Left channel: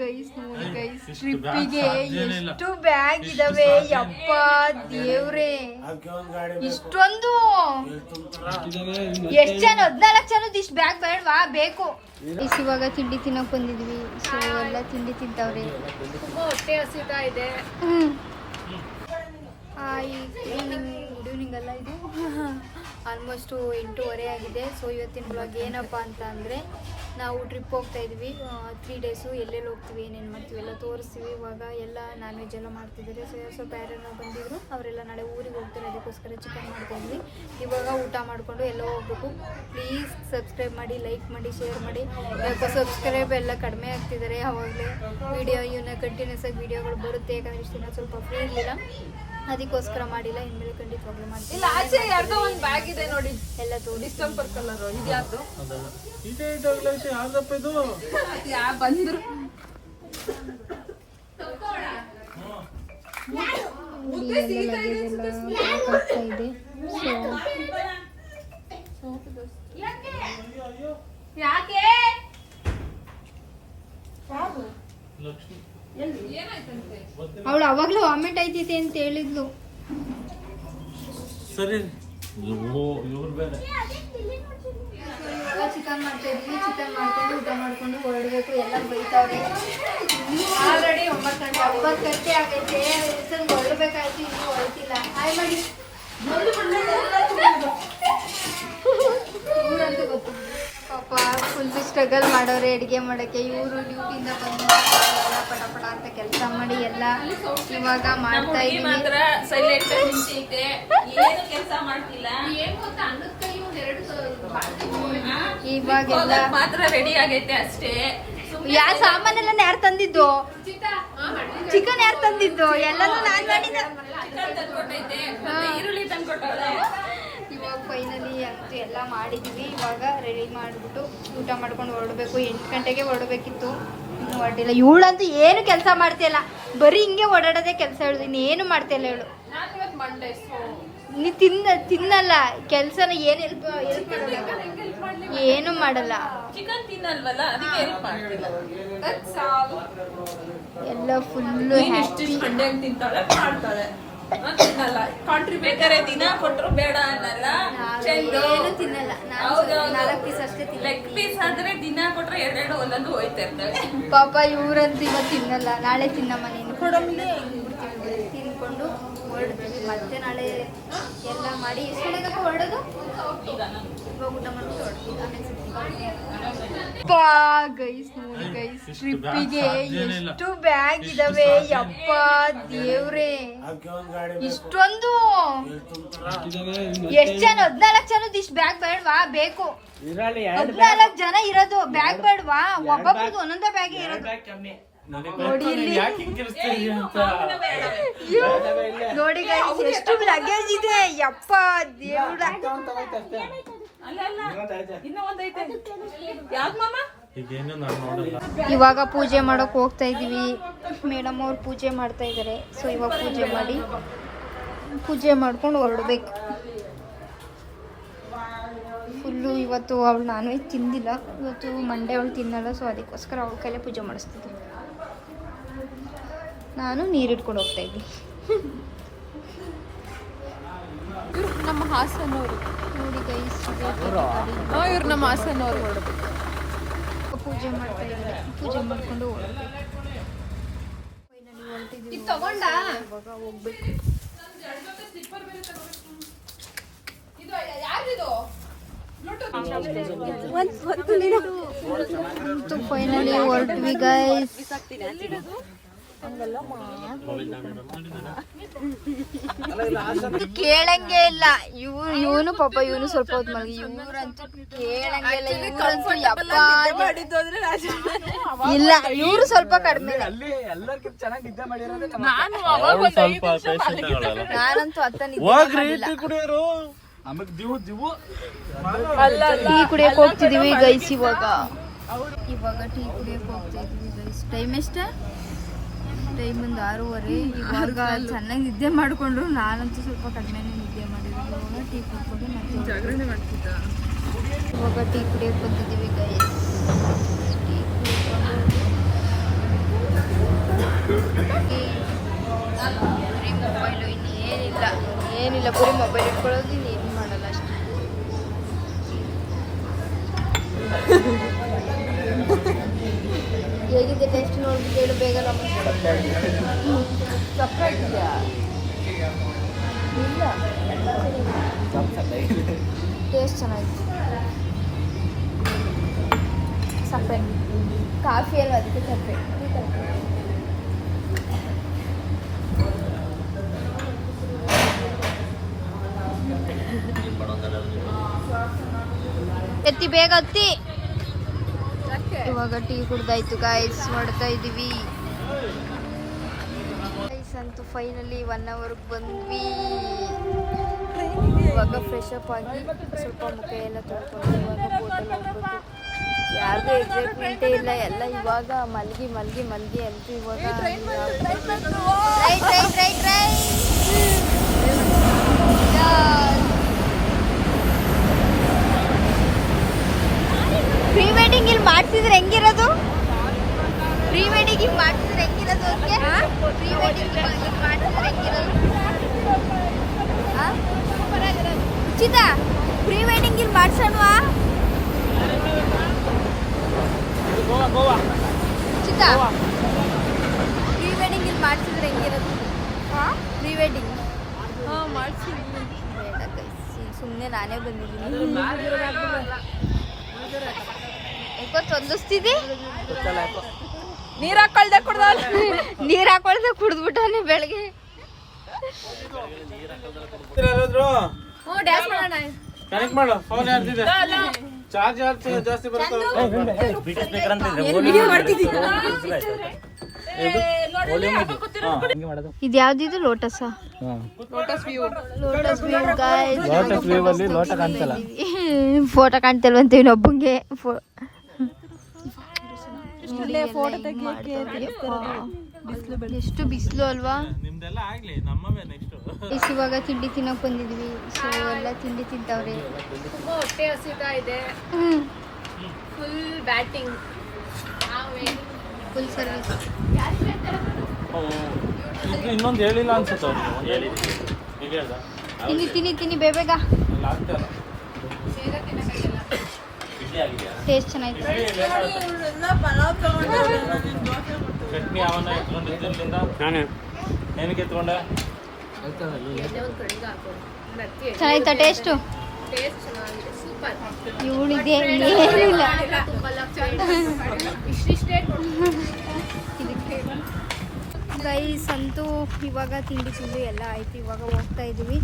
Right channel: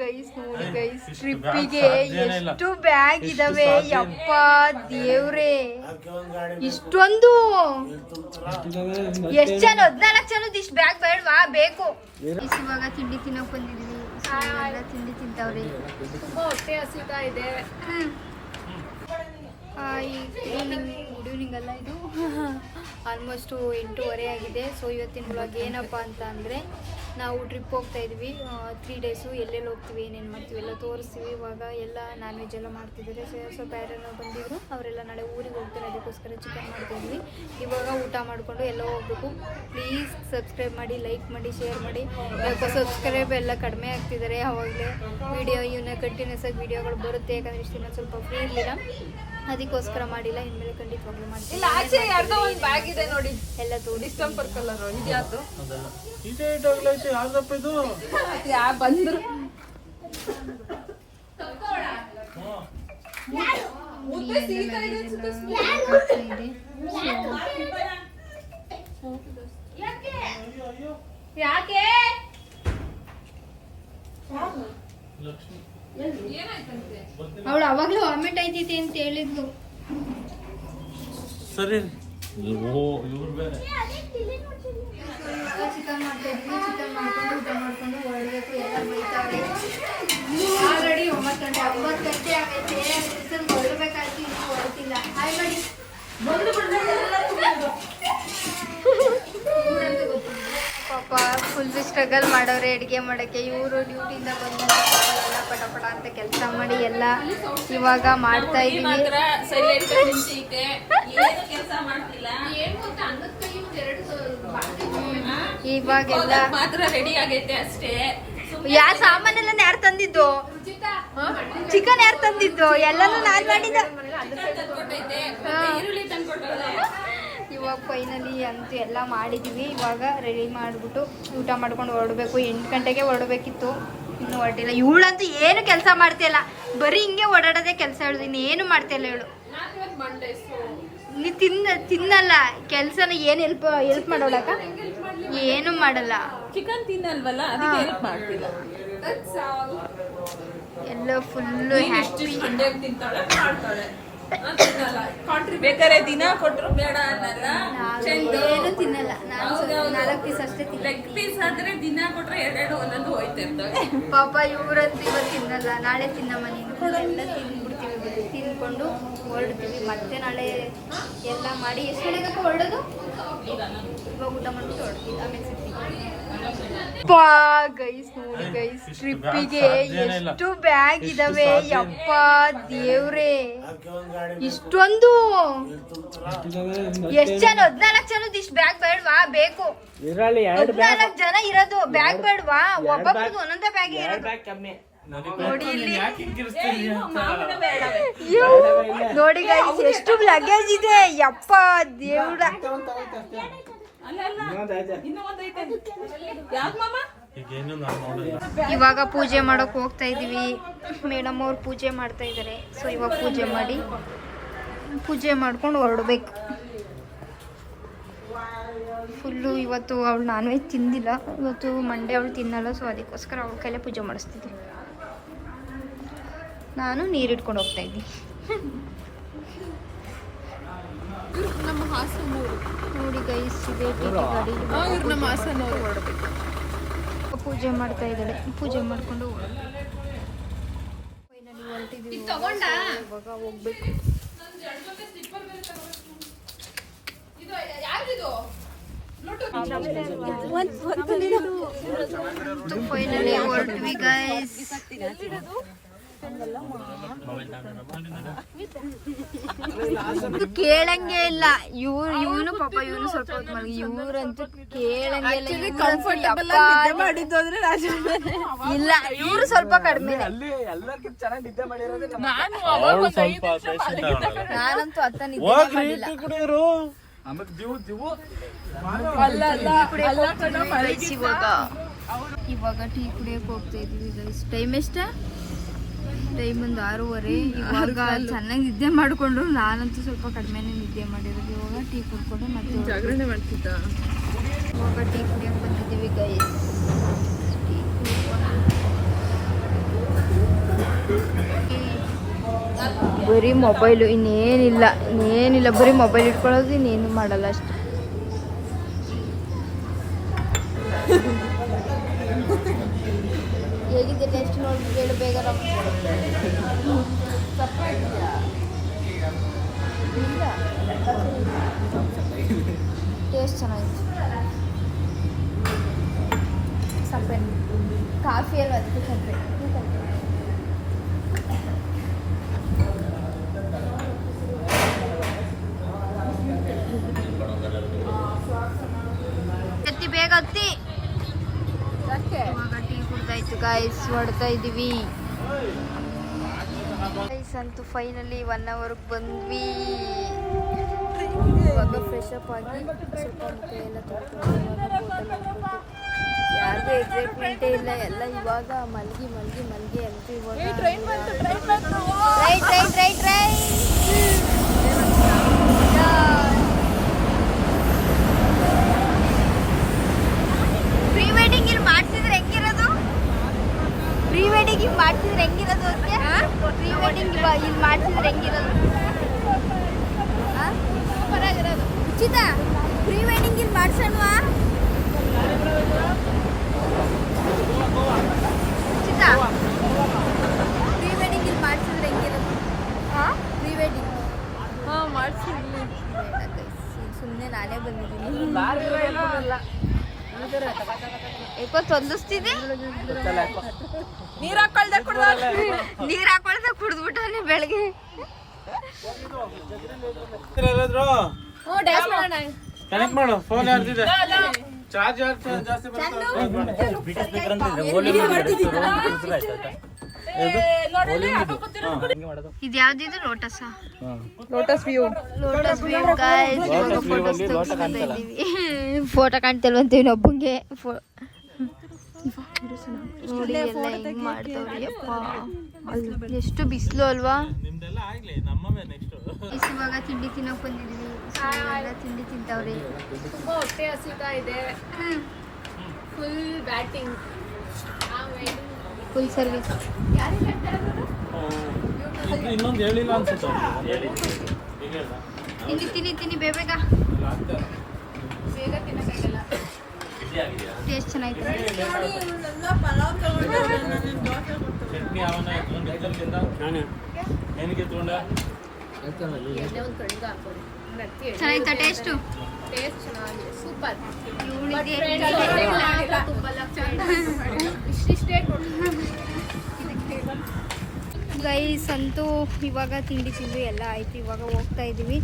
Guys ನೋಡಿ guys, ಟ್ರಿಪ್ಪಿಗೆ ಎಷ್ಟು ಬ್ಯಾಗ್ ಇದಾವೆ ಯಪ್ಪ ದೇವ್ರೆ. ಇಷ್ಟೊಂದು ಎಷ್ಟ್ ಜನ 14 ಜನದ ಇಷ್ಟು ಬ್ಯಾಗ್ ಬೇಡವಾ? ಬೇಕು. ಇವಾಗ ತಿಂಡಿ ತಿನ್ನಕ್ ಬಂದಿದ್ವಿ. ಸೊ ಎಲ್ಲ ತಿಂಡಿ ತಿಂತವ್ರೆ. ತುಂಬಾ ಹೊಟ್ಟೆ ಹಸಿತಾ ಇದೆ. ಈವ್ನಿಂಗ್ ಅಲ್ಲ, ಇದು ಆಲ್ಮೋಸ್ಟ್ 8:30 ಆಗಿದೆ. ಸೊ ಇವತ್ತಿನ ಬ್ಲಾಗ್ ಏನಪ್ಪ ಅಂತ ಅಂದರೆ, ನಾವು ಟ್ರಿಪ್ ಹೋಗ್ತಾ ಇದ್ವಿ 3 ಡೇಸು. ಎಲ್ಲೆಲ್ಲಿ ಹೋಗ್ತೀವಿ, ಏನೇನು ಮಾಡ್ತೀವಿ ಎಲ್ಲ ತೋರಿಸ್ತೀವಿ. ಇವಾಗ ಎಲ್ಲ ನಾನ್ ವೆಜ್ ಎಲ್ಲ ಮಾಡ್ತಿದ್ದಾರೆ. ಸ್ವಲ್ಪ ಯಾರ್ಯಾರು ಬಂದಿದ್ರು ಅವರೆಲ್ಲ ನಾಳೆ ಊರಿಗೆ ಹೋಗ್ತಾರೆ, ಅದಕ್ಕೋಸ್ಕರ ಚಿಕನ್ ಮಾಡ್ತಾಯಿದ್ವಿ. ಇವಾಗ ಊಟ ಮಾಡಿಕೊಂಡು ಎಲ್ಲ ಹೋಗ್ಬೇಕು. ಪ್ಲೀಸ್ ಸಬ್ಸ್ಕ್ರೈಬ್ ಮಾಡಿ, ಲೈಕ್ ಮಾಡಿ, ಶೇರ್ ಮಾಡಿ. ಯಾಕೋ ಸಬ್ಸ್ಕ್ರೈಬ್ ಎಲ್ಲ ಕಡಿಮೆ ಆಗ್ತಿದ್ದಾರೆ. ಅವಾಗಲೇ ಇವನ್ನ ಕಂಟಿನ್ಯೂಸ್ ಆಗಿ ವಿಡಿಯೋಗಳು ಬರುತ್ತೆ. ಯಾಕಂದರೆ ಇಷ್ಟು ದಿನ ಸ್ವಲ್ಪ ಫ್ರೀ ಇರಲಿಲ್ಲ, ಅದಕ್ಕೋಸ್ಕರ ಮಾಡಿಲ್ಲ. ಇನ್ಮೇಲೆ ಖಂಡಿತವಾಗ್ಲೂ ಮಾಡ್ತೀನಿ. ಇಲ್ಲ, ಆಚೆ ಯಾರ್ದೋ ಒಂದು ಬ್ಯಾಗ್ ಇದೆ ನೋಡಿ, ಎಲ್ಲ ತೋರಿಸಿ. ಡಿಸೆಂಬರ್ ಕಲರ್ ಇದ್ಯಾವುದು ಬಂದ್ರು ಇದೆ. ಯಾಕೆ ಅವಳು ಅವಾಗ್ಲೂ ವಾಮಿಟ್ ಆಯ್ತೈತೆ ಅಂತ ಹೇಳಿದ್ಲು. ಸರಿ ಚಿಕನ್ ಮಾಡ್ತಾ ಇದ್ವಿ. ಚಿಕನ್ ಮಾಡ್ಕೊಂಡು ಊಟ ಮಾಡ್ಕೊಂಡು ಹೊರಡ್ಬೇಕು. ಎಲ್ಲ ಬೈತಾವ್ರೆ. ಆಲ್ರೆಡಿ 9 ಗಂಟೆ ಆಗೈತೆ. ಹೊರಡ್ಬೇಕಾಯ್ತು, ಇನ್ನೂ ಹೊರಟಿಲ್ಲ. ಹಾಯ್ ಮಾಡಿ ಊರಂತೂ ಗೊತ್ತಿಲ್ಲ. ಪಾಪ ಫುಲ್ ಸ್ಟ್ರಗಲ್ ಮಾಡೋರೆ ಅಡುಗೆ ಮಾಡೋಕ್ಕೆ. ಇವರು ಡ್ಯೂಟಿಯಿಂದ ಬಂದು ಎಲ್ಲ ಪಟ ಅಂತ ಕೆಲಸ ಮಾಡಿ ಎಲ್ಲ ಇವಾಗ ಮಾಡ್ತಾ ಇದೀವಿ. ಇವಾಗೆಲ್ಲ ಮಾತ್ರ ರೆಡಿ ಆಗೈತೆ ಅಷ್ಟೇ. ಯಾ ಸಾಮಾನೆಲ್ಲ ಯಾರು ತಂದಿದ್ದು? ಚಿಕನ್ ಯಾರು ತಂದಿದ್ದು? ಎಲ್ಲಾನು ನಾನ್ ಮಾಡಿದ. ಇವಾಗ ಫೈನಲಿ ಅಂತೂ ಎಲ್ಲ ಮಾಡಿದೀವಿ. ಇವಾಗ ರೆಡಿ ಮಾಡಿಬಿಟ್ಟು ಊಟ ಮಾಡ್ಕೊಂಡು ಹೊರಡಬೇಕು. 8 ಗಂಟೆಗೆ ಹೊರಡಬೇಕಿತ್ತು, ಇನ್ನು ಹೊರಟಿಲ್ಲ. ಇವಳಂತೂ ಏನು ಕೆಲಸ ಮಾಡ್ತಿಲ್ಲ, ಬರೀ ಹಿಂಗೆ ಓಡಾಡೋದೇ ಕೆಲಸ. ಹೇಳುದು ಇನ್ನೇನು ಮಾಡ್ತಿಲ್ಲ ಇವಳು. ನೀ ತಿನ್ನಲ್ಲ ಕೆಲಸನ. ಏನು ಹೆಲ್ಪ್ ಮಾಡೋಲ್ಲ, ಏನು ಮಾಡಲ್ಲ. ಚಿಕನ್ ತಿನ್ನಲ್ವಲ್ಲ, ಎಲ್ಲ ಫುಲ್ಲು ಹ್ಯಾಪಿ. ಬೇಕಾದ್ರೆ ದಿನ ಕೊಟ್ರು ಬೇಡ ಅನ್ನಲ್ಲ. ಏನು ತಿನ್ನಲ್ಲ. ನಾನು 4 ಪೀಸ್ ಅಷ್ಟೇ ಲೆಗ್ ಪೀಸ್ ಆದ್ರೆ ದಿನ ಕೊಟ್ರೆ 2 ಒಂದೊಂದು ಹೋಯ್ತಾ ಇರ್ತವೆ. ಪಾಪ ಇವ್ರಂತೂ ಇವತ್ತು ತಿನ್ನಲ್ಲ, ನಾಳೆ ತಿನ್ನಮ್ಮ ತಿನ್ಕೊಂಡು ಹೊರಡ್ತೀವಿ. ಮತ್ತೆ ನಾಳೆ ಎಲ್ಲ ಮಾಡಿ ಎಷ್ಟು ಗಂಟೆಗೆ ಹೊರಡೋದು? ಇವಾಗ ಊಟ ಮಾಡ್ಬಿಟ್ಟು ಹೊರಡ್ತೀವಿ. ಆಮೇಲೆ ಗೈಸ್ ನೋಡಿ ಗೈಸ್, ಟ್ರಿಪ್ಪಿಗೆ ಎಷ್ಟು ಬ್ಯಾಗ್ ಇದಾವೆ ಯಪ್ಪ ದೇವ್ರೆ. ಇಷ್ಟೊಂದು ಎಷ್ಟ್ ಜನ 14 ಜನದ ಇಷ್ಟು ಬ್ಯಾಗ್ ಬೇಡವಾ? ಬೇಕು. 14 ಜನ ಇರೋದು ಬ್ಯಾಗ್ ಬೇಡವಾ? ಒಬ್ಬೊಬ್ರದ್ದು ಒಂದೊಂದೇ ಬ್ಯಾಗ್ ಇರೋದು. ನೋಡಿ ಗೈಸ್, ಎಷ್ಟು ಲಗೇಜ್ ಇದೆ ಯಪ್ಪ ದೇವ್ರ. ಇವಾಗ ಪೂಜೆ ಮಾಡಕ್ ಹೋಗ್ತಾ ಇದೀವಿ. ಮೇಡಮ್ ಅವ್ರು ಪೂಜೆ ಮಾಡ್ತಾ ಇದಾರೆ. ಸೊ ಇವಾಗ ಪೂಜೆ ಮಾಡ್ಕೊಂಡು ಹೊರಡ್ಬೇಕು. ಫುಲ್ಲು ಇವತ್ತು ಅವಳು ನಾನ್ ವೆಜ್ ತಿಂದಿಲ್ಲ. ಇವತ್ತು ಮಂಡೇ ಅವಳು ತಿನ್ನಲ್ಲ. ಸೊ ಅದಕ್ಕೋಸ್ಕರ ಅವಳ ಕೈಲೇ ಪೂಜೆ ಮಾಡಿಸ್ತಿದ್ದೆ. ನಾನು ನೀರಿಟ್ಕೊಂಡು ಹೋಗ್ತಾ ಇದ್ದೀನಿ. ನಮ್ಮ ಹಾಸನವರು ನೋಡಿ ಗೈಸ್, ಇದೆ ಗಾಡಿ. ಇವ್ರು ನಮ್ಮ ಹಾಸನವರು. ಹೊರಡ್ಬೇಕು. ಪೂಜೆ ಮಾಡ್ತಾ ಇದ್ದಾಳೆ. ಪೂಜೆ ಮಾಡ್ಕೊಂಡು ಹೊರಡ್ಬೇಕು. ಫೈನಲಿ ಹೊರಟಿದ್ದೀವಿ. ಇವಾಗ ಹೋಗ್ಬೇಕು. ಫೈನಲಿ ಹೊರಟ್ವಿ ಗೈಸ್. ಕೇಳಂಗೆ ಇಲ್ಲ. ಇವನು ಪಾಪ ಇವನು ಸ್ವಲ್ಪ ಹೊತ್ತು ಮಲಗಿ. ಇವ್ರಂತೂ ಕೇಳಂಗೆ ಇಲ್ಲ. ಇವ್ರಂತೂ ಯಪ್ಪ ಇಲ್ಲ, ಇವ್ರು ಸ್ವಲ್ಪ ಕಡಿಮೆ. ನಾನಂತೂ ಅತ್ತ ನಿದ್ದೆ ಮಾಡಿಲ್ಲ. ಟೀ ಕುಡಿಯಕ್ಕೆ ಹೋಗ್ತಿದೀವಿ ಗೈಸ್. ಇವಾಗ ಟೀ ಕುಡಿಯಕ್ಕೆ ಹೋಗ್ತಾ ಇದೀವಿ ಗೈಸ್. ಟೈಮ್ ಎಷ್ಟ? ಟೈಮ್ ಒಂದು 6:30. ಇವಾಗ ಚೆನ್ನಾಗಿ ನಿದ್ದೆ ಮಾಡಿಕೊಂಡ್ರು. ನಾನಂತೂ ಸ್ವಲ್ಪ ಕಡಿಮೆನೇ ನಿದ್ದೆ ಮಾಡಿರೋದು. ಇವಾಗ ಟೀ ಕುಡ್ಕೊಂಡು ಮತ್ತೆ ಜಾಗರಣೆ ಮಾಡ್ತಿದ್ದ. ಇವಾಗ ಟೀ ಕುಡಿಯೋಕೆ ಬಂದಿದ್ದೀವಿ ಗೈಸ್. ಟೀ ಕುಡ್ಕೊಂಡು ಮೊಬೈಲು, ಇನ್ನೇನಿಲ್ಲ ಬರೀ ಮೊಬೈಲ್ ಇಟ್ಕೊಳ್ಳೋದು, ಇನ್ನೇನು ಮಾಡಲ್ಲ ಅಷ್ಟೇ. ಹೇಗಿದೆ ಟೇಸ್ಟ್ ನೋಡ್ಬಿಟ್ಟು ಹೇಳು ಬೇಗ. ತಪ್ಪಾಗಿದೆಯಾ? ಇಲ್ಲ, ಟೇಸ್ಟ್ ಚೆನ್ನಾಗಿತ್ತು. ಸಪ್ಪೆ ಕಾಫಿ ಅಲ್ವ, ಅದಕ್ಕೆ ಸಪ್ಪೆ. ಎತ್ತಿ ಬೇಗ ಹತ್ತಿ. ಇವಾಗ ಟೀ ಕುಡ್ದಾಯ್ತು ಗಾಯ್ಸ್, ಹೊಡ್ತಾ ಇದ್ದೀವಿ ಗೈಸ್. ಅಂತೂ ಫೈನಲಿ 1 ಅವರ್ಗೆ ಬಂದ್ವಿ. ಇವಾಗ ಫ್ರೆಶ್ ಅಪ್ ಆಗಿ ಸ್ವಲ್ಪ ಮುಖ ಎಲ್ಲ ತೊಳ್ಕೊಂಡು ಇವಾಗ ಬೋಟಲ್ಲಿ ಹೋಗ್ಬೇಕು. ಯಾರಿಗೂ ಎಕ್ಸೈಟ್ಮೆಂಟೇ ಇಲ್ಲ, ಎಲ್ಲ ಇವಾಗ ಮಲ್ಗಿ ಅಂತೂ ಇವಾಗ ರೈಟ್ ಪ್ರೀ ವೆಡ್ಡಿಂಗ್ ಇಲ್ಲಿ ಮಾಡ್ತಿದ್ರೆ ಹೆಂಗಿರೋದು? ಪ್ರೀ ವೆಡ್ಡಿಂಗ್ ಇಲ್ಲಿ ಮಾಡ್ತಿದ್ರೆ ಹೆಂಗಿರೋದು? ಅದಕ್ಕೆ ಪ್ರೀ ವೆಡ್ಡಿಂಗ್ ಇಲ್ಲಿ ಮಾಡ್ತಿದ್ರೆ ಹೆಂಗಿರೋದು? ಉಚಿತ ಪ್ರೀ ವೆಡ್ಡಿಂಗ್ ಇಲ್ಲಿ ಮಾಡ್ಸೋಣವಾ? ಉಚಿತ ಪ್ರೀ ವೆಡ್ಡಿಂಗ್ ಇಲ್ಲಿ ಮಾಡ್ತಿದ್ರೆ ಹೆಂಗಿರೋದು? Pre wedding ಮಾಡ್ಸಿರ್ಲಿ. ಬೇಡ ಗೈಸ್, ಸುಮ್ಮನೆ ನಾನೇ ಬಂದಿದ್ದೀನಿ. ಯಾಕೋ ತೊಂದಿಸ್ತಿದೆ. ನೀರ್ ಹಾಕೊಳ್ದೆ ಕುಡ್ದ್ಬಿಟ್ಟವನೆ ಬೆಳಗ್ಗೆ. ಕನೆಕ್ಟ್ ಮಾಡು, ಫೋನ್ ಯಾರ್ದಿದೆ? ಚಾರ್ಜ್ ಜಾಸ್ತಿ ಇದು ಯಾವ್ದಿದು? Lotus photo ಕಾಣ್ತಿಲ್ವಂತ ಇನ್ನೊಬ್ಬಂಗೆ. ನೋಡಿ ಎಲ್ಲ ಹೆಂಗ್ ಮಾಡ್ತಾವ್ರೆ. ಎಷ್ಟು ಬಿಸಿಲು ಅಲ್ವಾ. ಇವಾಗ ತಿಂಡಿ ತಿನ್ನಕ್ ಬಂದಿದ್ವಿ. ಸೊ ಎಲ್ಲ ತಿಂಡಿ ತಿಂತವ್ರೆ. ತುಂಬಾ ಹೊಟ್ಟೆ ಹಸಿತಾ ಇದೆ. Full batting, full service. ಇನ್ನೊಂದು ಹೇಳಿಲ್ಲ ಅನ್ಸುತ್ತೆ. ತಿನ್ನಿ ಬೇಗ. ಟೇಸ್ಟ್ ಚೆನ್ನಾಗಿತ್ತು. ಚೆನ್ನಾಗಿತ್ತ ಟೇಸ್ಟು? ಟೇಸ್ಟ್ ಚೆನ್ನಾಗಿದೆ, ಸೂಪರ್. ಗೈಸ್ ಅಂತೂ ಇವಾಗ ತಿಂಡಿ ಎಲ್ಲ ಆಯಿತು. ಇವಾಗ ಹೋಗ್ತಾ ಇದ್ದೀವಿ.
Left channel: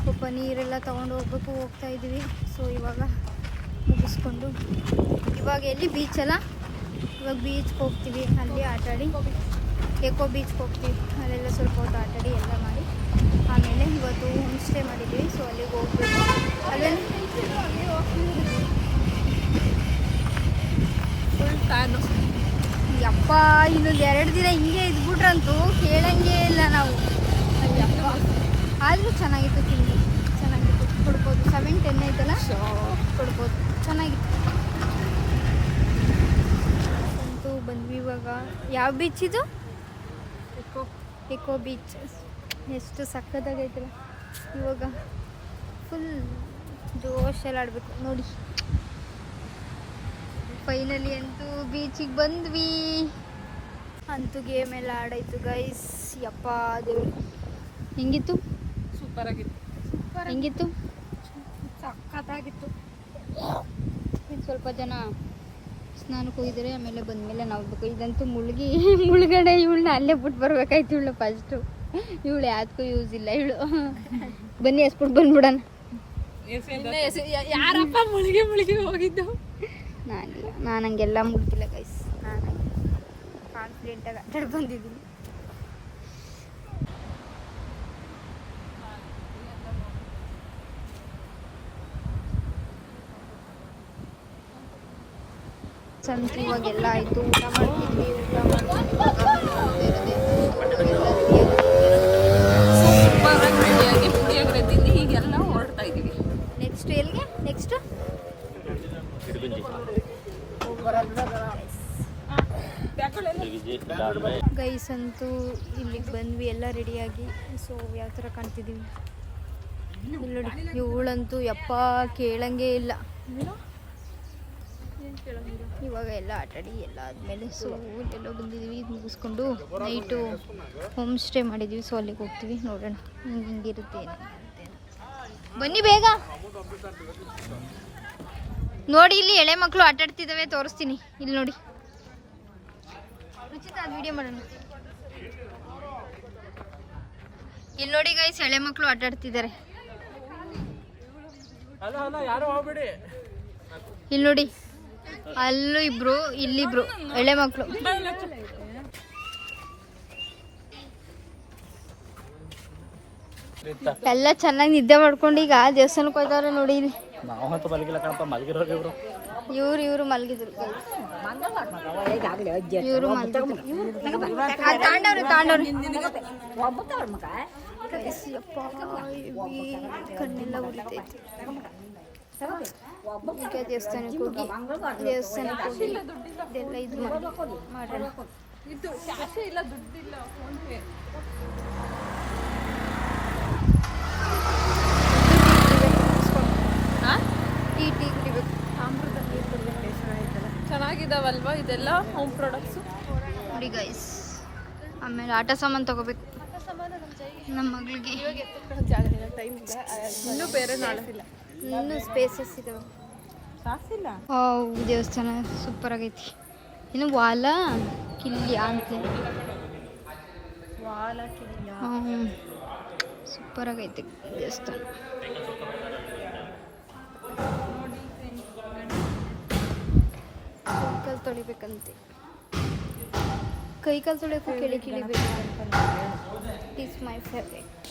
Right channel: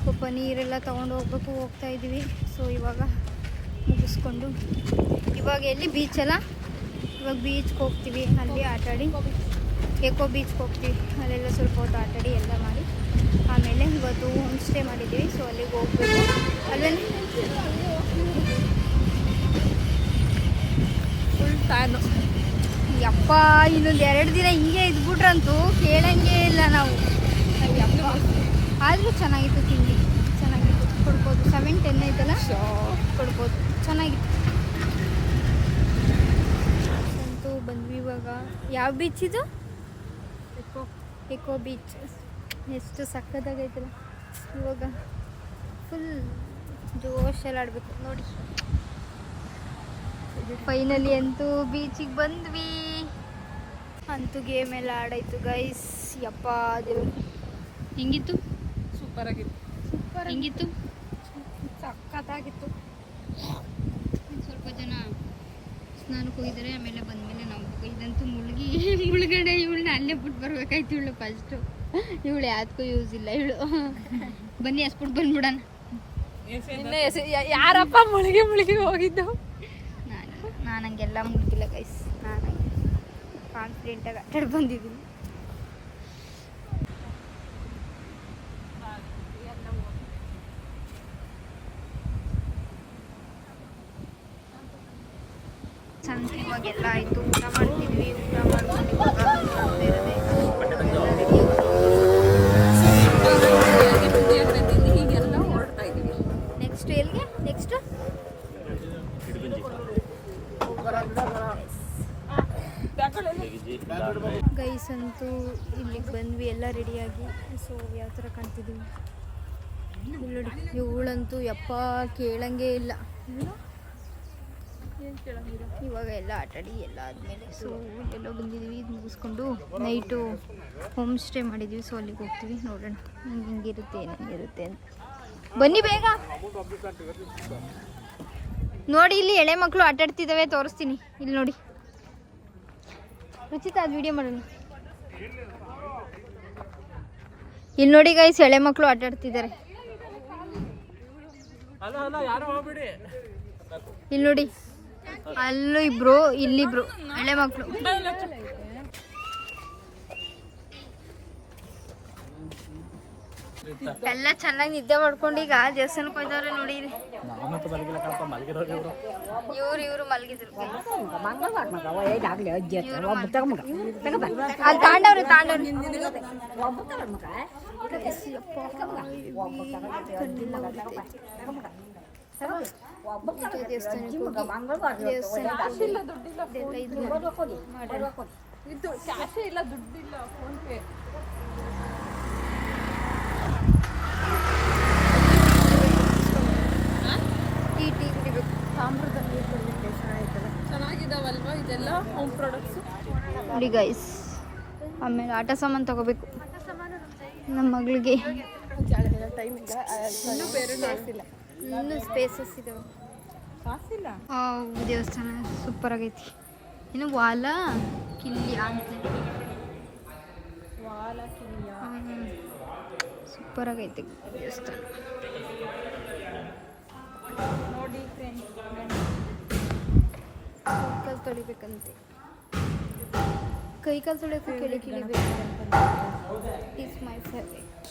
ಸ್ವಲ್ಪ ನೀರೆಲ್ಲ ತೊಗೊಂಡು ಹೋಗ್ತಾ ಇದ್ದೀವಿ. ಸೊ ಇವಾಗ ಮುಗಿಸ್ಕೊಂಡು ಇವಾಗ ಎಲ್ಲಿ ಬೀಚಲ್ಲ, ಇವಾಗ ಬೀಚ್ಗೆ ಹೋಗ್ತೀವಿ. ಅಲ್ಲಿ ಆಟಾಡಿ, ಎಕೋ ಬೀಚ್ಗೆ ಹೋಗ್ತೀವಿ. ಅಲ್ಲೆಲ್ಲ ಸ್ವಲ್ಪ ಹೊತ್ತು ಆಟಾಡಿ ಎಲ್ಲ ಮಾಡಿ ಆಮೇಲೆ ಇವತ್ತು ಹೋಮ್ ಸ್ಟೇ ಮಾಡಿದ್ದೀವಿ. ಸೊ ಅಲ್ಲಿಗೆ ಹೋಗ್ಬೇಕು. ಅಲ್ಲಲ್ಲಿ ಫುಲ್ ಫ್ಯಾನು. ಯಪ್ಪ, ಇನ್ನೊಂದು 2 ದಿನ ಹಿಂಗೆ ಇದ್ಬಿಟ್ರಂತೂ ಕೇಳಂಗೆ ಇಲ್ಲ ನಾವು. ಅಯ್ಯಪ್ಪ, ಆದರೂ ಚೆನ್ನಾಗಿತ್ತು ತಿಂಡಿ, ಚೆನ್ನಾಗಿತ್ತು. ಕೊಡ್ಬೋದು 7-10 ಆಯ್ತಲ್ಲ, ಕೊಡ್ಬೋದು, ಚೆನ್ನಾಗಿತ್ತು. ಅಂತೂ ಬಂದ್ವಿ. ಇವಾಗ ಯಾವ ಬೀಚ್ ಇದು? Eco Beach. ಎಷ್ಟು ಸಕ್ಕತ್ತಾಗೈತಲ್ಲ. ಇವಾಗ ಫುಲ್ ಜೋಶಲ್ಲಿ ಆಡಬೇಕು ನೋಡಿ. ಫೈನಲಿ ಅಂತೂ ಬೀಚಿಗೆ ಬಂದ್ವಿ. ಅಂತೂ ಗೇಮ್ ಎಲ್ಲ ಆಡಾಯ್ತು ಗೈಸ್. ಯಪ್ಪ ದೇವ್ರು, ಹೆಂಗಿತ್ತು? ಸೂಪರ್ ಆಗಿತ್ತು. ಹೆಂಗಿತ್ತು? ಸಕ್ಕತ್ತಾಗಿತ್ತು. ಸ್ವಲ್ಪ ಜನ ಸ್ನಾನಕ್ಕೆ ಹೋಗಿದ್ದಾರೆ, ಆಮೇಲೆ ಬಂದಮೇಲೆ ನಾವು ಬೇಕು. ಇದಂತೂ ಮುಳುಗಡೆ ಇವಳನ್ನ ಅಲ್ಲೇ ಬಿಟ್ಟು ಬರ್ಬೇಕಾಯ್ತು. ಇವಳು ಫಸ್ಟು ಇವಳು ಯಾವ್ದಕ್ಕೂ ಯೂಸ್ ಇಲ್ಲ ಇವಳು. ಬನ್ನಿ ಎಸ್ಬಿಟ್ಟು ಬಂದ್ಬಿಡೋಣ. ಯಾರಪ್ಪ ಮುಳುಗಿ ಹೋಗಿದ್ದು? ನಾನು ಹಂಗೆಲ್ಲ ಮುಗ್ದಿಲ್ಲ ಗೈಸ್. ನಾನು ಕಾನ್ಫಿಡೆಂಟಾಗಿ ಆಟಾಡಿ ಬಂದಿದ್ದೀನಿ. ಸಂತ ಇವಾಗೆಲ್ಲ ಆಯಿತು. ಊಟ ಮಾಡ್ತಿದ್ವಿ. ಊಟ ಮಾಡ್ಕೊಂಡು ಪುಳಿಯೋಗರೆ ತಿಂದು ಹೀಗೆಲ್ಲ ಹೊರಡ್ತಾ ಇದ್ದೀವಿ. ನೆಕ್ಸ್ಟ್ ಎಲ್ಲಿಗೆ? ನೆಕ್ಸ್ಟ್ ಗೈಸ್ ಅಂತೂ ಇಲ್ಲಿಗೆ ಬಂದ್ವಿ ಎಲ್ಲ ರೆಡಿಯಾಗಿ. ಸೊ ಯಾವ ಥರ ಕಾಣ್ತಿದ್ದೀವಿ ಇಲ್ಲಿ ನೋಡಿ. ಇವಳಂತೂ ಯಪ್ಪ ಕೇಳಂಗೆ ಇಲ್ಲ. ಇವಾಗ ಎಲ್ಲ ಆಟಾಡಿ ಎಲ್ಲ ಆದಮೇಲೆ ಸೊ ಎಲ್ಲೋ ಬಂದಿದ್ದೀವಿ. ಇದು ಮುಗಿಸ್ಕೊಂಡು ನೈಟು ಹೋಮ್ ಸ್ಟೇ ಮಾಡಿದ್ದೀವಿ. ಸೊ ಅಲ್ಲಿಗೆ ಹೋಗ್ತೀವಿ, ನೋಡೋಣ ಹಿಂಗಿರುತ್ತೆ ಏನಿರುತ್ತೆ ಅಂತ. ಬನ್ನಿ ಬೇಗ ನೋಡಿ. ಇಲ್ಲಿ ಎಳೆ ಮಕ್ಕಳು ಆಟಾಡ್ತಿದ್ದಾವೆ, ತೋರಿಸ್ತೀನಿ. ಇಲ್ಲಿ ನೋಡಿ, ಉಚಿತ ವಿಡಿಯೋ ಮಾಡೋಣ. ಇಲ್ಲಿ ನೋಡಿ ಗೈಸ್, ಎಳೆ ಮಕ್ಕಳು ಆಟಾಡ್ತಿದ್ದಾರೆ. ಇಲ್ಲಿ ನೋಡಿ, ಅಲ್ಲೂ ಇಬ್ರು, ಇಲ್ಲಿಬ್ರು ಎಳೆ ಮಕ್ಕಳು. ಎಲ್ಲ ಚೆನ್ನಾಗಿ ನಿದ್ದೆ ಮಾಡ್ಕೊಂಡು ಈಗ ದೇವಸ್ಥಾನಕ್ಕೆ ಹೋಯ್ತವ್ರೆ ನೋಡಿ. ಇಲ್ಲಿ ಇವ್ರು ಮಲಗಿದ್ರು. ಇವರು ತಾಂಡವ್ರೆ ಕಣ್ಣೆಲ್ಲ ಉರಿತೈತೆ. ದೇವಸ್ಥಾನಕ್ಕೆ ಹೋಗಿ ಇದೆಲ್ಲ ಇದು ಮಾಡೋಣ. ಇದು ಕ್ಯಾಶೇ ಇಲ್ಲ, ದುಡ್ಡಿಲ್ಲ, ಫೋನ್ ಪೇ. ಟೀ ಕುಡಿಬೇಕು, ತಾಮ್ರದ ನೀರು ಕುಡಿಬೇಕು. ಚೆನ್ನಾಗಿದಾವಲ್ವಾ ಇದೆಲ್ಲ ಹೋಮ್ ಪ್ರಾಡಕ್ಟ್ಸು ನೋಡಿ ಗೈಸ್. ಆಮೇಲೆ ಆಟ ಸಾಮಾನು ತಗೋಬೇಕು ನಮ್ಮ ಮಗಳಿಗೆ. ಇನ್ನೂ ಬೇರೆ ಇನ್ನೂ ಸ್ಪೇಸಸ್ ಇದಾವೆ. ದೇವಸ್ಥಾನ ಸೂಪರ್ ಆಗೈತಿ. ಇನ್ನು ವಾಲ ಕಿಲ್ಲಿ ಅಂತಲೇ ಸೂಪರ್ ಆಗೈತಿ ದೇವಸ್ಥಾನ. ಕೈಕಾಲು ತೊಳಿಬೇಕಂತೆ. ಕೈಕಾಲು ತೊಳಿಯೋಕ್ಕೂ ಕಿಳಿಬೇಕು. It's my favourite.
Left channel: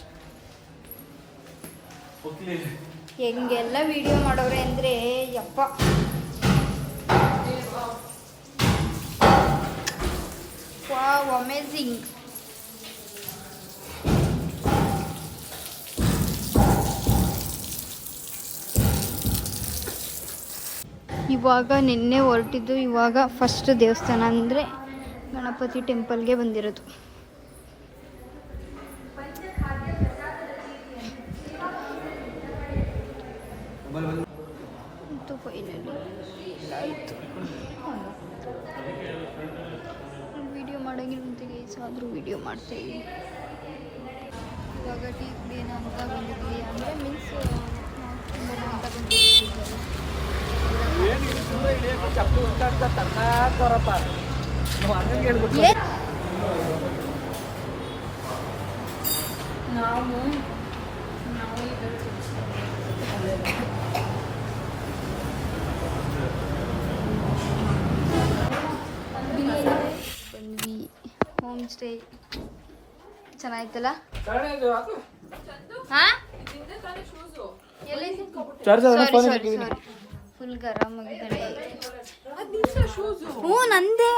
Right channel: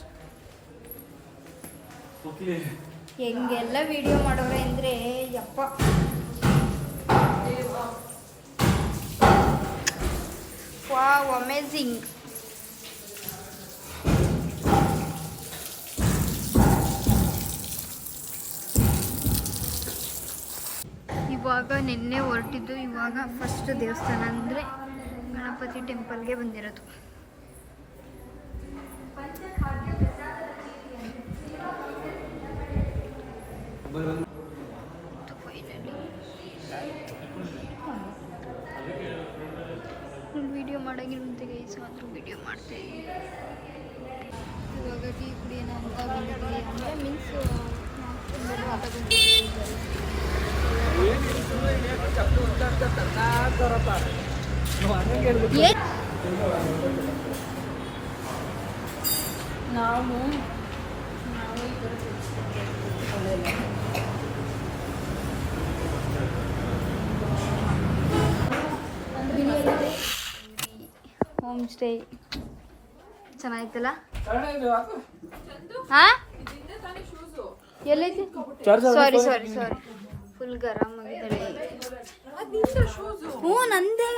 ಹೆಂಗೆಲ್ಲ ವಿಡಿಯೋ ಮಾಡೋರೆ ಅಂದರೆ ಯಪ್ಪ. Wow, amazing. ಇವಾಗ ನಿನ್ನೆ ಹೊರಟಿದ್ದು. ಇವಾಗ ಫಸ್ಟ್ ದೇವಸ್ಥಾನ ಅಂದರೆ ಗಣಪತಿ ಟೆಂಪಲ್ಗೆ ಬಂದಿರೋದು. ವಿಡಿಯೋ ಮಾಡೋಂಗಿಲ್ಲಂತೆ ಗೈಸ್, ಆದರೂ ವಿಡಿಯೋ ಮಾಡ್ತೀವಿ. ಇವಾಗ ಟೀ ಕುಡಿಯೋಣ ಅಂತ ಬಂದಿದ್ವಿ. ಅಂದರೆ ಮೀನ್ಸ್ ತಿನ್ನೋಣ ಅಂತ ಬಂದಿದ್ವಿ. ನಾವು ಹೋಮ್ ಸ್ಟೇ ಚೆನ್ನಾಗಿತ್ತಲ್ಲ. ಹಾಂ, ಎಲ್ಲೈತಿ? ಸಾರಿ ಸಾರಿ ಸಾರಿ, ಫುಲ್ ಗರಂ ಆಗಿದ್ದಾಳೆ. ಹ್ಞೂ ನಂದೇ.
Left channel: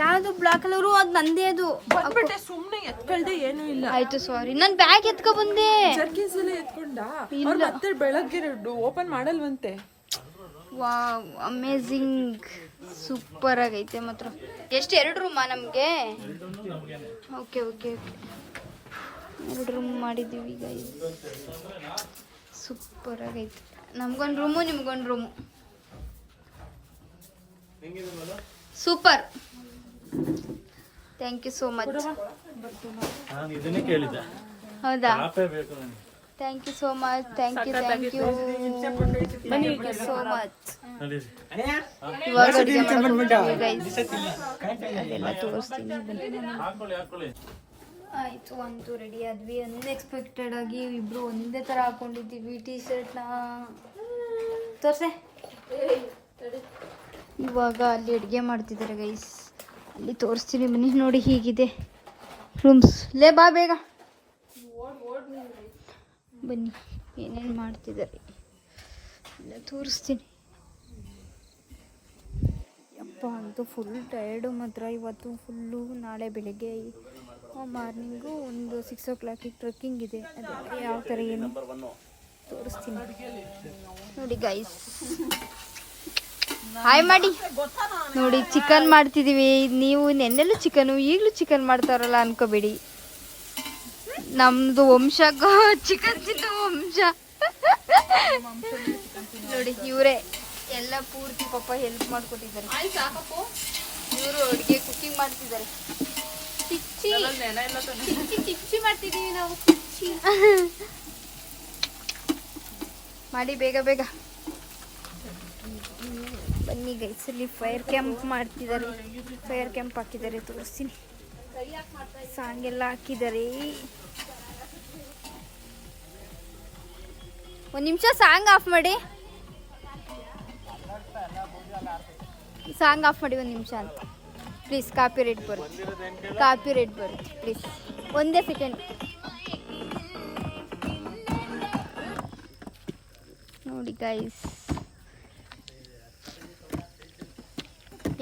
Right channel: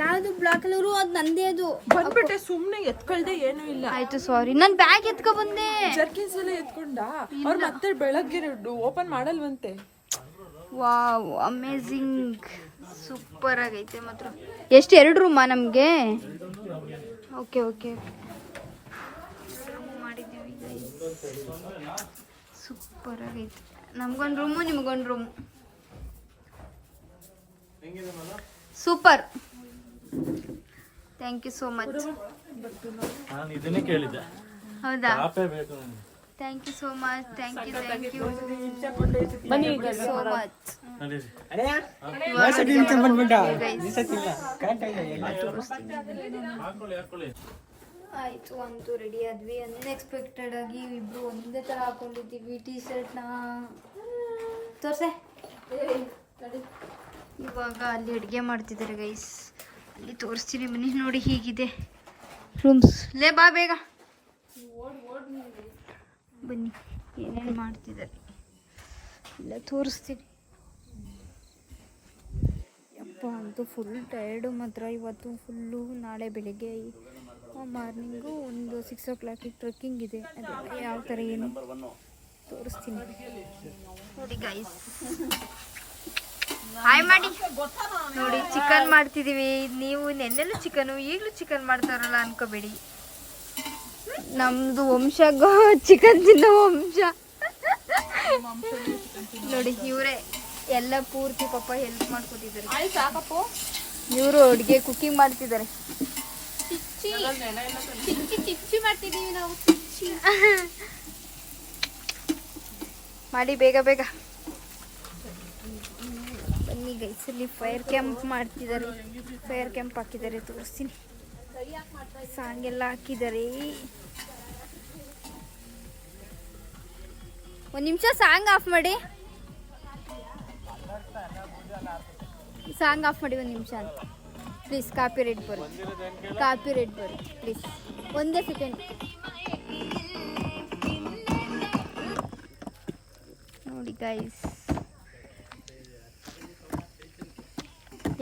ಯಾವುದು ಬ್ಲಾಕ್ ಕಲರು, ಅದು ನಂದೇ. ಅದು ಬಂದ್ಬಿಟ್ಟೆ, ಸುಮ್ಮನೆ ಎತ್ಕೊಳ್ದೆ ಏನೂ ಇಲ್ಲ. ಆಯ್ತು ಸಾರಿ, ನಾನು ಬ್ಯಾಗ್ ಎತ್ಕೊ ಬಂದೆ. ಜರ್ಕಿನ್ಸ್ ಎಲ್ಲ ಎತ್ಕೊಂಡ ಅವ್ರು ಮತ್ತೆ ಬೆಳಗ್ಗೆ ಓಪನ್ ಮಾಡಲ್ವಂತೆ. ವಾವ್, ಅಮೇಝಿಂಗ್, ಸೂಪರ್ ಆಗೈತೆ ಮಾತ್ರ. ಎಷ್ಟು, 2 ರೂಮಾ ನಮಗೆ? ಓಕೆ ಓಕೆ ಓಕೆ, 2 ರೂಮ್ ಮಾಡಿದ್ದೀವಿ ಗೈಸ್. ಸೂಪರ್ ಆಗೈತೆ. ನಮ್ಗೊಂದು ರೂಮು, ನಿಮ್ಗೊಂದು room. Super, thank you so much. ನಾನು ಇದನ್ನೇ ಕೇಳಿದ್ದೆ. ಹೌದಾ, ಬೇಕು ನನಗೆ. Thank you so much. Thank you so much. ಇವಾಗ ಅಡುಗೆ ಮಾಡೋದು ಗೈಸ್, ಅದೆಲ್ಲ ತೋರಿಸ್ತೀನಿ. ಆಯಿತು, ಅಂತೂ ರೆಡಿ ಆದ್ವಿ. ಅನ್ಎಕ್ಸ್ಪೆಕ್ಟೆಡ್ ಆಗಿ ಇಬ್ಬರು ಒಂದೇ ಥರ ಹಾಕೊಂಡಿದ್ದೀವಿ ಟೀ ಶರ್ಟ್ನ. ತೋರ್ಸೆ. ಇವಾಗ ಅಲ್ಲಿ ಅಡುಗೆ ಮಾಡ್ತಿದ್ದಾರೆ ಗೈಸ್, ಅಲ್ಲಿ ತೋರಿಸ್ತೀನಿ ಬನ್ನಿ. ನೋಡಿ ಹೀಗಿದೆ ರೂಮ್ಸ್. ಲೇ ಬಾ ಬೇಗ ಬನ್ನಿ, ಏನೇನು ಮಾಡ್ತಿದ್ದಾರೆ ಎಲ್ಲ ತೋರಿಸ್ತೀನಿ. ಯಪ್ಪ, ಅಂತೂ ಫುಲ್ ಟಯರ್ಡು ಮಾತ್ರ ಇವತ್ತು ಫುಲ್ಲು. ನಾಳೆ ಬೆಳಿಗ್ಗೆ ಮಾರ್ನಿಂಗು ಒಂದು 6 o'clock ಟ್ರೆಕ್ಕಿಂಗ್ ಇದೆ. ಅದೆಲ್ಲ ಯಾವ ಥರ ಏನು ತೋರಿಸ್ತೀನಿ ನೋಡಿ ಗೈಸ್. ಹಾಯ್ ಮಾಡಿ ನೋಡಿ. ಚಿಕನ್ ಮಾಡ್ತಿದೀವಿ. ನೀವು ನೆನ್ನೆಲ್ಲೂ ಚಿಕನು ಈಗಲೂ ಚಿಕನ್ ಮಾಡ್ತಾರಲ್ಲ ಅನ್ಕೋಬೇಡಿ. ನಮ್ದು ವಂಶ ಚಿಕನ್ ತಿನ್ನೋ ವಂಶ. ನೋಡಿ ಇವರೇ ಎಲ್ಲ ಪೂರ್ತಿ ಪಾಪ ಹೆಲ್ಪ್ ಮಾಡ್ಕೊಟ್ಟಿದ್ದಾರೆ. ಇವರು ಅಡುಗೆ ಕುಕಿಂಗ್ ಮಾಡ್ತಿದ್ದಾರೆ. ಚಿಚ್ಚಿ ಮಾಡ್ತಿದೀವಿ ನಾವು. ಮಾಡಿ ಬೇಗ ಬೇಗ ಬನ್ನಿ ಗೈಸ್. ಅಲ್ಲಿ ಫೈರ್ ಕ್ಯಾಂಪ್ ಮಾಡ್ತಿದ್ದಾರೆ. ಫೈರ್ ಕ್ಯಾಂಪ್ ಹಾಕಿದ್ದಾರೆ, ತೋರಿಸ್ತೀನಿ. ಸಾಂಗ್ ಎಲ್ಲ ಹಾಕಿದ್ದಾರೆ. ಒಂದು ನಿಮಿಷ ಸಾಂಗ್ ಆಫ್ ಮಾಡಿ. ಸಾಂಗ್ ಆಫ್ ಮಾಡಿ ಒಂದು ನಿಮಿಷ ಅಂತ ಪ್ಲೀಸ್. ಕಾಪಿ ರೇಟ್ ಬರುತ್ತೆ ಪ್ಲೀಸ್. ಒಂದೇ ಸೆಕೆಂಡ್ ನೋಡಿ ಗೈಸ್.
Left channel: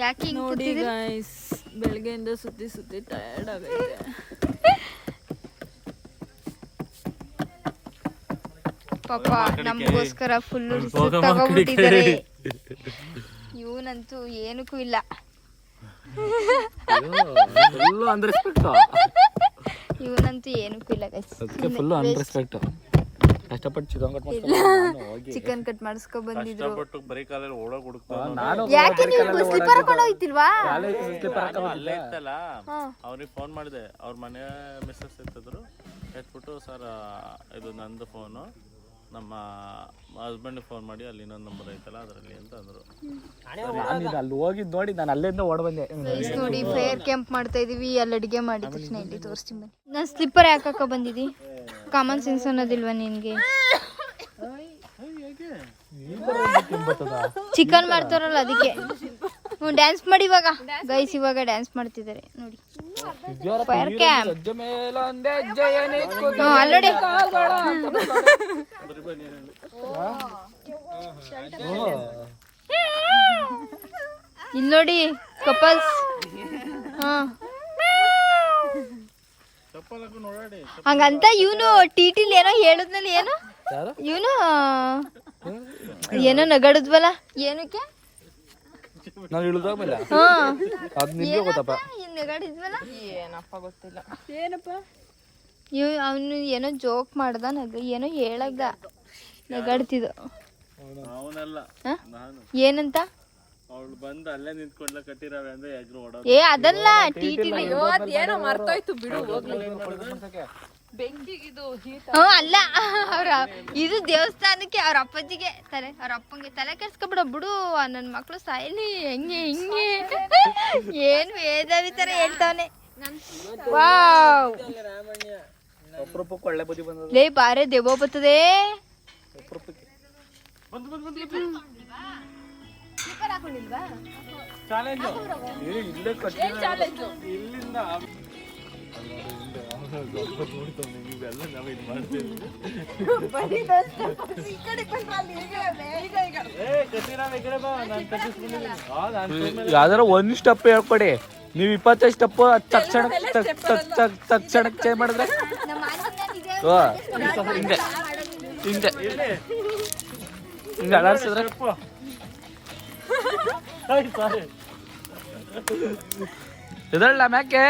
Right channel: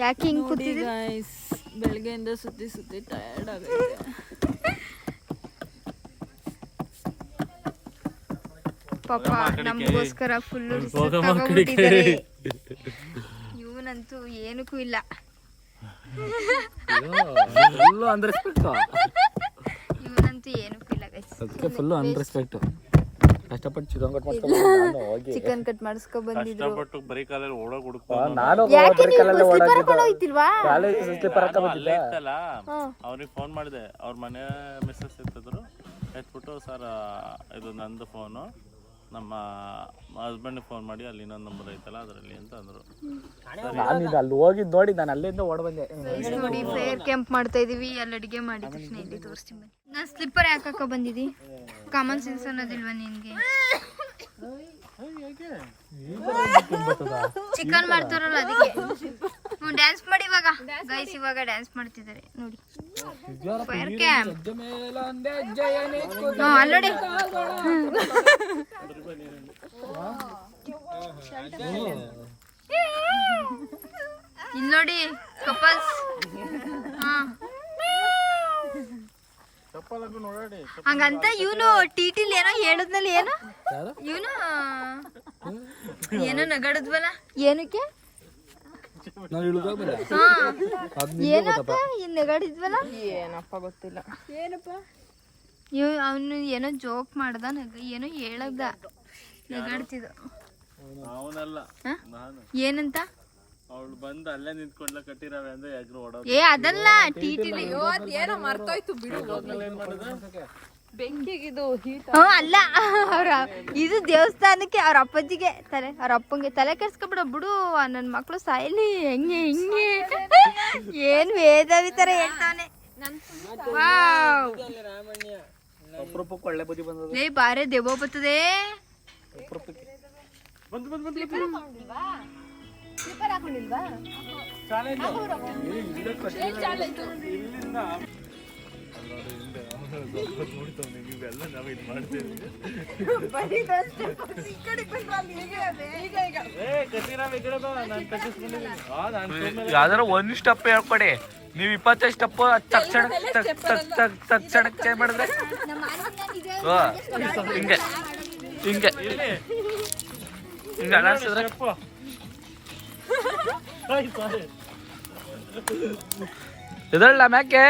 ಯಾಕೆ ಹಿಂಗ್ ನೋಡಿ ಕೂತಿದ್ದೀರಿ? ಗೈಸ್, ಬೆಳಗ್ಗೆಯಿಂದ ಸುತ್ತಿ ಟಯರ್ಡ್ ಆಗೈತೆ. ಪಾಪ ನಮಗೋಸ್ಕರ ಫುಲ್ಲು ತಗೊಂಡ್ಬಿಟ್ಟಿದ್ದಾರೆ. ಇವನಂತೂ ಏನಕ್ಕೂ ಇಲ್ಲ. ಇವನಂತೂ ಏನಕ್ಕೂ ಇಲ್ಲ ಗೈಸ್. Full unrespect. ಕಷ್ಟಪಟ್ಟು ಚಿಕನ್ ಕಟ್ ಮಾಡಿಸ್ಕೊ ಬಂದಿದ್ರು. ಬರೀ ಕಾಲಲ್ಲಿ ಓಡೋಗಿ ಯಾಕೆ ನೀವು ಸ್ಲಿಪ್ಪರ್ ಹಾಕೊಂಡು ಹೋಗ್ತಿಲ್ವಾ? ಅವ್ರಿಗೆ ಫೋನ್ ಮಾಡಿದೆ. ಅವ್ರ ಮನೆ ಮೆಸೇಜ್ ಸಿಗ್ತಿದ್ರು. ಎತ್ಬಿಟ್ಟು ಸರ್ ಇದು ನಂದು ಫೋನು, ನಮ್ಮ ಹಸ್ಬೆಂಡ್ಗೆ ಫೋನ್ ಮಾಡಿ ಅಲ್ಲಿ ಇನ್ನೊಂದು ನಂಬರ್ ಐತಲ್ಲ ಅದರಲ್ಲಿ ಅಂತ ಅಂದರು. ನಾನು ಅಲ್ಲಿ ಹೋಗಿದ್ದು ನೋಡಿ ನಾನು ಅಲ್ಲಿಂದ ಓಡ್ ಬಂದೆ. ನೋಡಿ ಫೇರ್ ಕ್ಯಾಂಪ್ ಮಾಡ್ತಾ ಇದೀವಿ. ಅಲ್ಲಿ ಅಡುಗೆ ಮಾಡಿದ ತಕ್ಷಣ ಇಲ್ಲಿ ತೋರಿಸ್ತೀನಿ ಬನ್ನಿ. ನಾನು ಸ್ಲಿಪ್ಪರ್ ಯಾಕೆ ಬಂದಿದ್ದಿ? ಕಾಮನ್ ಸೆನ್ಸ್ ಅನ್ನೋದಿಲ್ವಾ ನಿನಗೆ? ಚಿಕನ್ ಮಾಡ್ತಾರಲ್ಲ ಅದಕ್ಕೆ. ಡ್ಯಾನ್ಸ್ ಮಾಡಿ ಇವಾಗ ಗೈಸ್. ಇವಾಗ ಡ್ಯಾನ್ಸ್ ಮಾಡ್ತಿದ್ದಾರೆ ನೋಡಿ. ಫೈರ್ ಕ್ಯಾಂಪ್ ಅಲ್ಲೋಡಿ. ಇಲ್ಲಿ ನೋಡಿ ಕಪಲ್ಸ್. ಹಂಗಂತ ಇವನು ಟಿಟಿಲ್ ಏನೋ ಹೇಳದ್ನಲ್ಲಿ. ಏನು ಇವನು ಏನೋ ನಗಾಡದ್ವಲ್ಲ, ಏನಕ್ಕೆ ನಗಾಡಿದ್ವಲ್ಲ ಏನಪ್ಪ. ಅವನು ಏನೋ ಜೋಕ್ ಮಾಡ್ದ, ಏನೋ ಹೇಳದ, ನಗಾಡ್ತಿದ್ದ. ಏನಂತ ಅವಳು ಬಂದು ಅಲ್ಲೇ ನಿಂತ್ಕೊಂಡ್ಲ ಕಟ್ಟಿರವೆ ಅಂದ್ರೆ ಎಗ್ರು ಓಡೋದು. ಏ ಅದಲ್ಲ ಟಿಟಿಲ್. ಅಲ್ಲ ಅವ್ರ ಇದು ದೇವಸ್ಥಾನಕ್ಕೆ ಅವ್ರ ಅಪ್ಪಾಜಿಗೆ ಅವ್ರ ಅಪ್ಪಂಗೆ ತಲೆ ಕೆಡ್ಸ್ಕೊಬಿಡ ಬಿಡು. ನನ್ನ ಮಕ್ಳು ಸಾಯಲಿ ಹೆಂಗೆ ಹಿಂಗೆ ಏನ್ ವೇದಾವಿ ತರ ಹೇಳ್ತಾವನೆ. ವಾವ್ ಲೇ ಬಾರೆ ದೆವ್ವ ಬರ್ತದೆ. ಯಾವ್ದಾರ ಒಂದ್ ಸ್ಟೆಪ್ ಹೇಳ್ಕೊಡಿ. ನೀವ್ 25 ಸ್ಟೆಪ್ ತಕ್ಷಣ ಚೇಂಜ್ ಮಾಡಿದ್ರೆ ಹಿಂಗೆ ಹಿಂಗೆ ಹಿಂಗೆ ಅಲಾಡ್ಸಿದ್ರೆ ಇದಲ್ಲ ಮ್ಯಾಕೆ.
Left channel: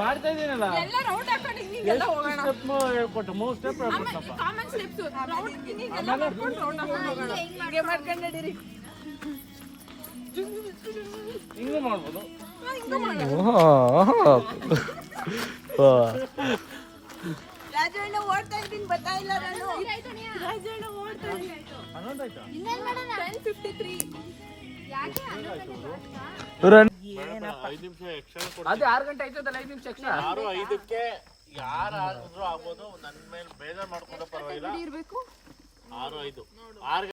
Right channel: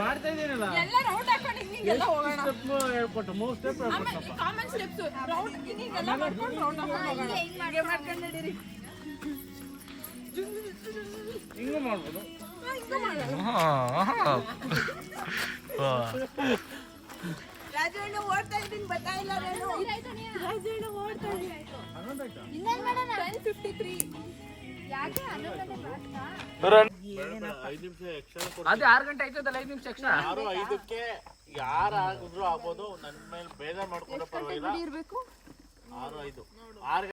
ಮಾಡ್ತಾ ಇದೀನಲ್ಲ ಹೇಳ್ಕೊಟ್ಟು 3 ಸ್ಟೆಪ್ ಹಿಂಗೆ ಮಾಡ್ಬೋದು. ಅದು 6 ಗಂಟೆ ಆಯ್ತದಲ್ಲ, 5 ನಿಮಿಷ ಎಕ್ಸ್ಟ್ರಾ. 6:05ಕ್ಕೆ ಯಾರಾದ್ರೂ ಆಗ್ಬೋದು. ನನ್ನ ಮೇಲೆ ಬೇಜಾರು ಮಾಡ್ಕೊಂಡು ಪರವಾಗಿಲ್ಲ. 6:05